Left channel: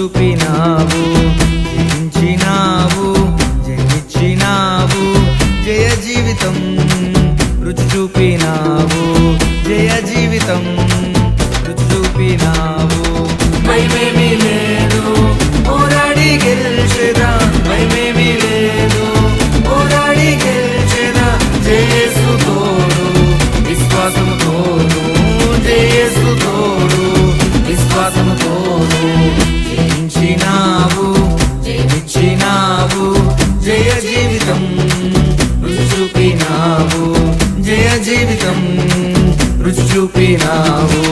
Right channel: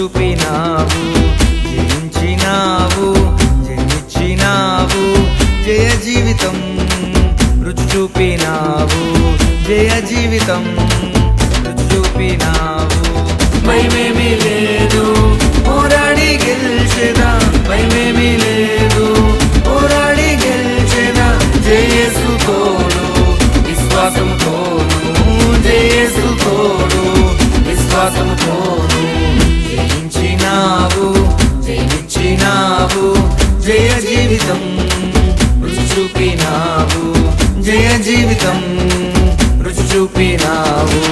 చూపినావు, జయించినావు, జయమిచ్చినావు, జయ జీవితం రుచి చూపినావు, జయ జీవితం రుచి చూపినావు. భయమేమీ లేదు, పోరాడి గెలిచెదా, భయమేమీ లేదు, పోరాడి గెలిచెదా, జయేసు తోడు విశ్వాసముతోను, జయేసు తోడు విశ్వాసముతోను. జయించినావు, జయమిచ్చినావు, జయ జీవితం రుచి చూపినావు, జయ జీవితం రుచి చూపినావు.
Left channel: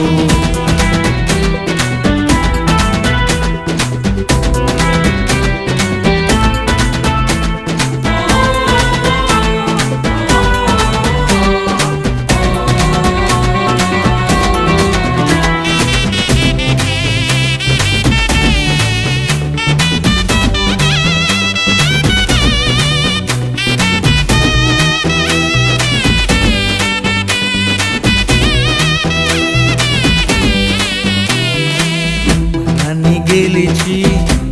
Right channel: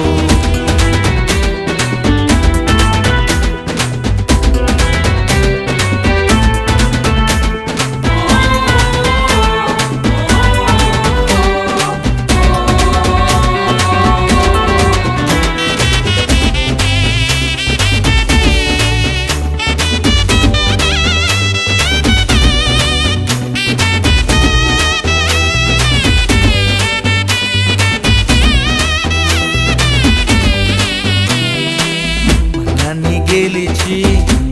నన్ను గెలిచి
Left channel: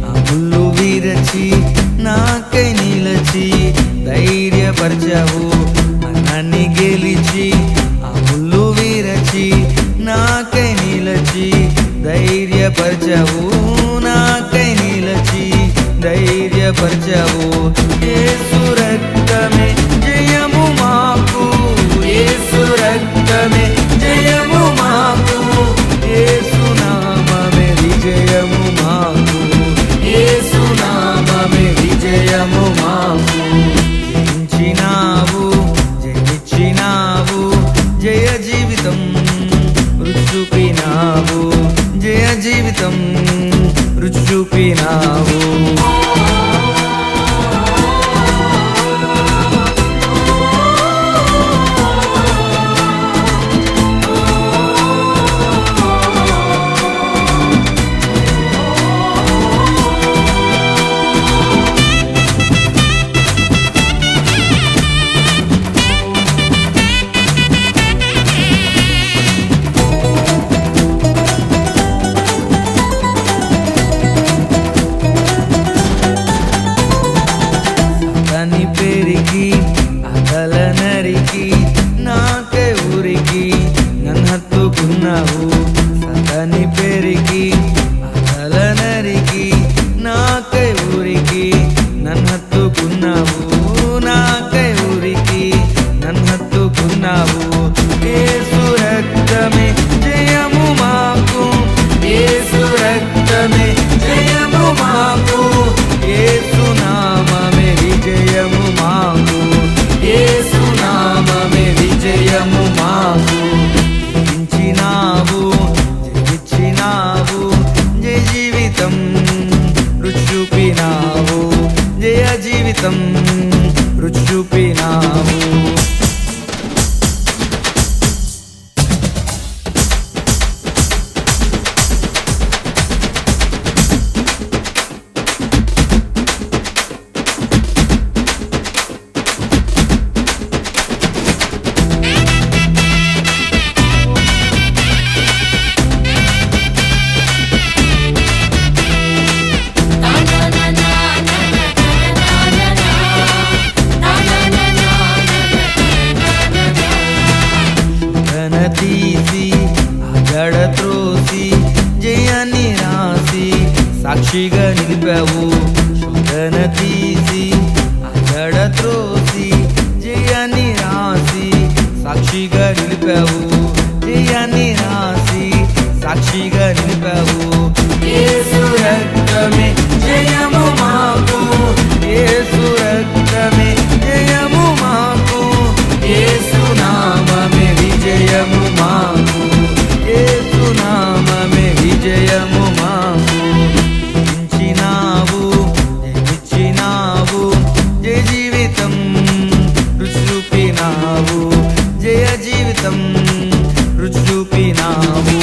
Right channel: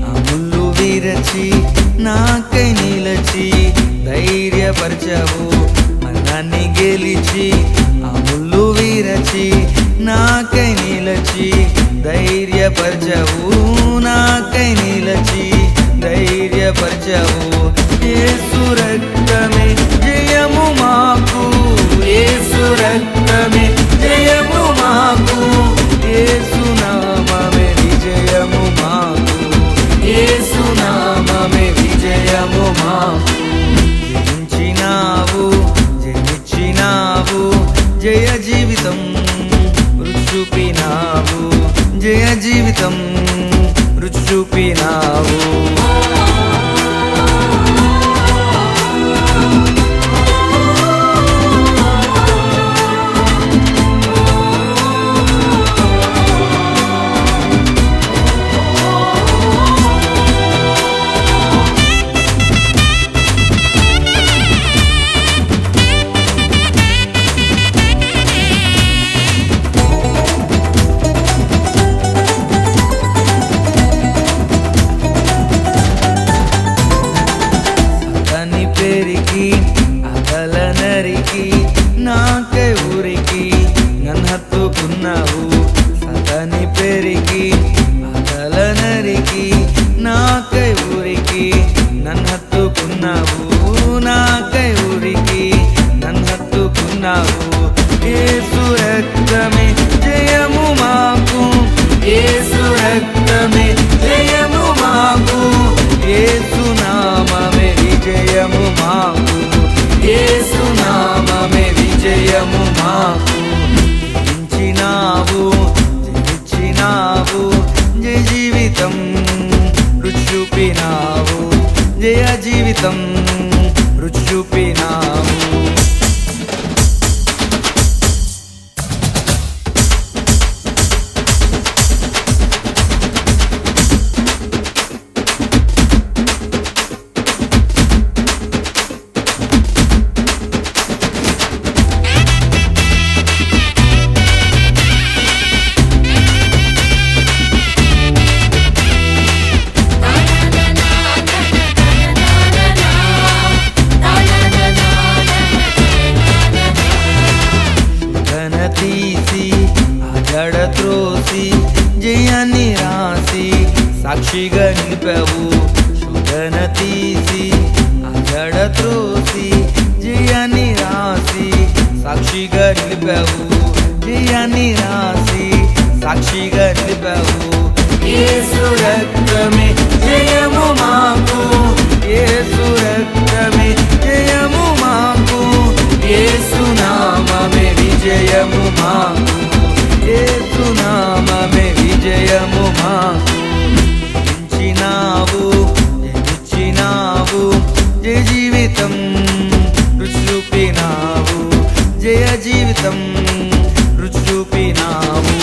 ఆ ముళ్ళు విరచి నాకై నిలచి ధైర్యపరచవు. నన్ను గెలిచి ఆ ముళ్ళు విరచి నాకై నిలచి ధైర్యపరచవు, నాకై నిలచి ధైర్యపరచవు. యేసు రక్తమే జయము మాకు, యేసు రక్తమే జయము మాకు, యేసు నామమే విజయము మాకు, యేసు నామమే విజయము మాకు. జయించినావు, జయమిచ్చినావు, జయ జీవితం రుచి చూపినావు, జయ జీవితం రుచి చూపినావు. అతని పెరిగి అదల నరికి నాకై ఊరికి నన్ను హత్తుకున్నావు. సతని పెరిగి అదల నరికి నాకై ఊరికి నన్ను హత్తుకున్నావు, నాకై ఊరికి నన్ను హత్తుకున్నావు. యేసు రక్తమే జయము మాకు, యేసు రక్తమే జయము మాకు, యేసు నామమే విజయము మాకు, యేసు నామమే విజయము మాకు. జయించినావు, జయమిచ్చినావు, జయ జీవితం రుచి చూపినావు, జయ జీవితం రుచి చూపినావు. తీసి ఆ జడ త్రోసి జయాన్ని రాసి సాక్షిగా నిలిపావు. శోధన తీసి ఆ జడ త్రోసి జయాన్ని రాసి సాక్షిగా నిలిపావు, జయాన్ని రాసి సాక్షిగా నిలిపావు. యేసు రక్తమే జయము మాకు, యేసు రక్తమే జయము మాకు, యేసు నామమే విజయము మాకు, యేసు నామమే విజయము మాకు. జయించినావు, జయమిచ్చినావు, జయ జీవితం రుచి చూపినావు, జయ జీవితం రుచి చూపినావు.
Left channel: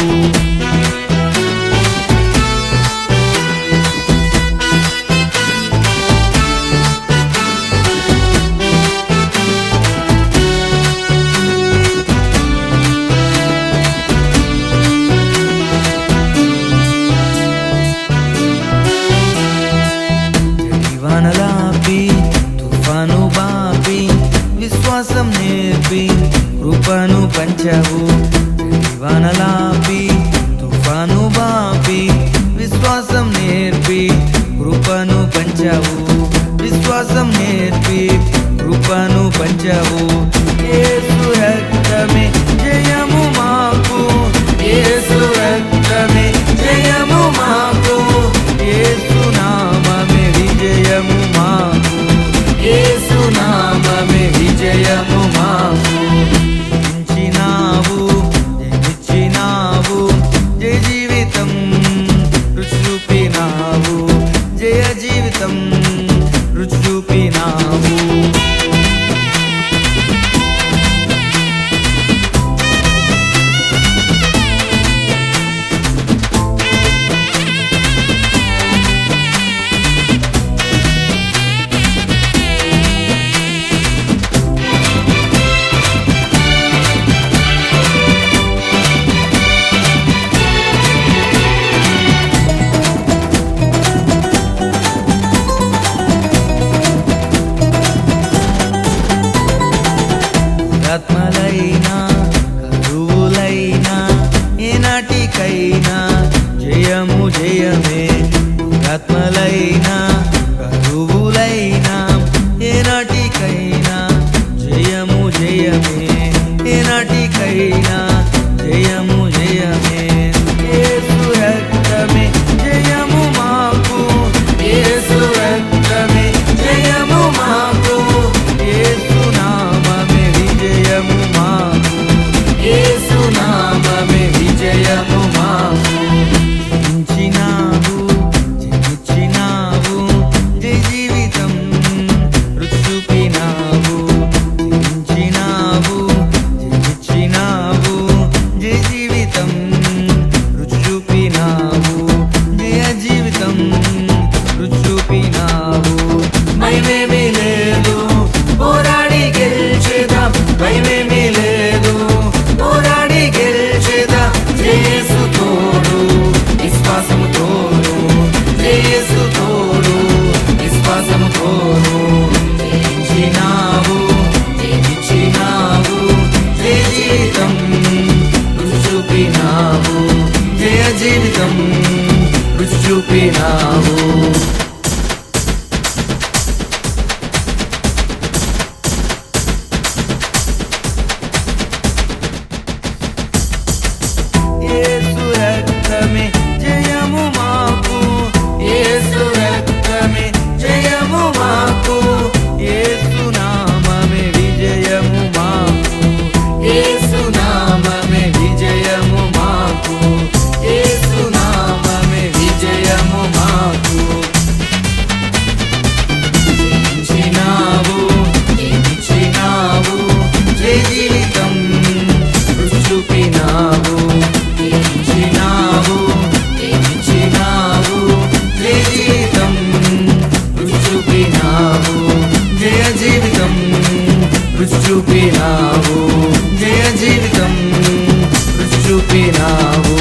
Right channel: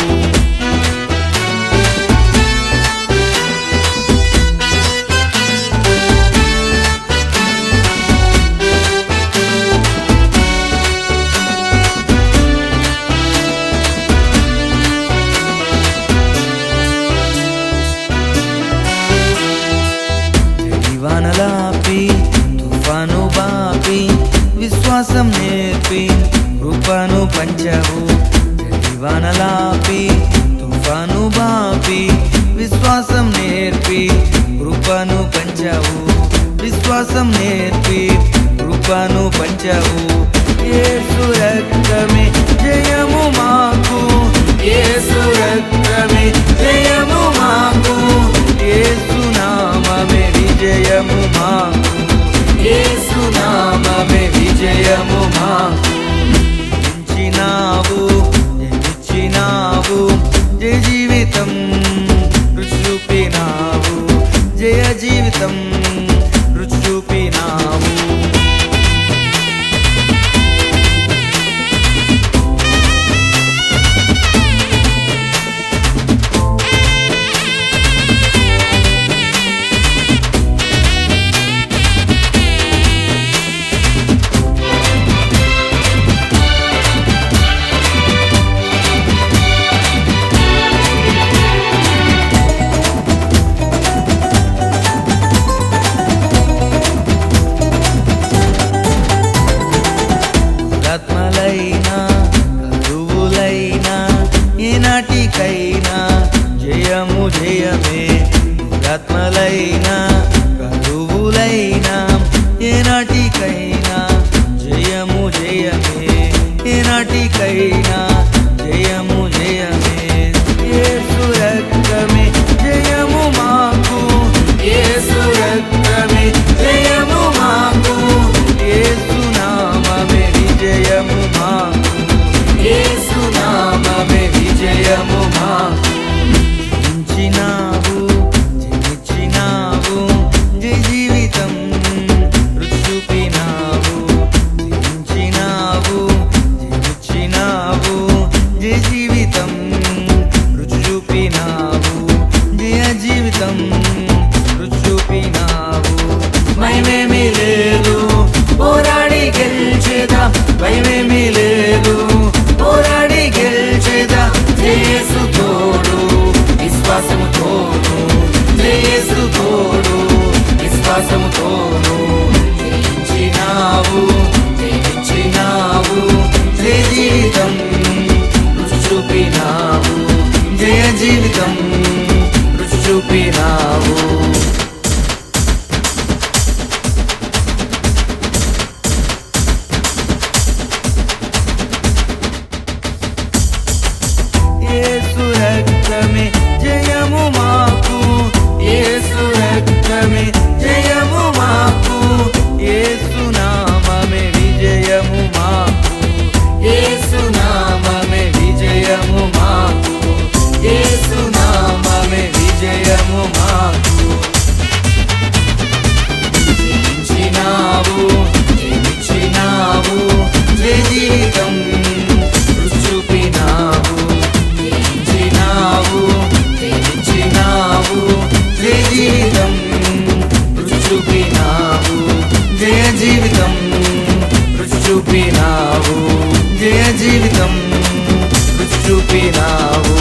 విశ్వాసం నేర్పి కృపను పంచావు, జడివానలాపి తుఫాను బాపి. విశ్వాసం నేర్పి కృపను పంచావు, విశ్వాసం నేర్పి కృపను పంచావు. యేసు రక్తమే జయము మాకు, యేసు రక్తమే జయము మాకు, యేసు నామమే విజయము మాకు, యేసు నామమే విజయము మాకు. జయించినావు, జయించినావు, జయ జీవితం రుచి చూపినావు, జయ జీవితం రుచి చూపినావు. ఆత్మలైనా కరువులైనా ఏనాటికైనా జయము జయమే. ఆత్మలైనా కరువులైనా ఏనాటికైనా జయము జయమే, ఏనాటికైనా జయము జయమే. యేసు రక్తమే జయము మాకు, యేసు రక్తమే జయము మాకు, యేసు నామమే విజయము మాకు, యేసు నామమే విజయము మాకు. జయించినావు, జయించినావు, జయ జీవితం రుచి చూపినావు. జయించినావు, జయించినావు, జయ జీవితం రుచి చూపినావు, జయ జీవితం రుచి చూపినావు. భయమేమీ లేదు, పోరాడి గెలిచేదా, భయమేమీ లేదు, పోరాడి గెలిచేదా. యేసు తోడు, విశ్వాసము తోను, యేసు తోడు, విశ్వాసము తోను. జయించినావు, జయించినావు, జయ జీవితం రుచి చూపినావు, జయ జీవితం రుచి చూపినావు. యేసు రక్తమే జయము మాకు, యేసు రక్తమే జయము మాకు, యేసు నామమే విజయము మాకు, యేసు నామమే విజయము మాకు, యేసు నామమే విజయము మాకు. జయించినావు, జయించినావు, జయ జీవితం రుచి చూపినావు. జయించినావు, జయించినావు, జయ జీవితం రుచి చూపినావు, జయ జీవితం రుచి చూపినావు, జయ జీవితం రుచి చూపినావు.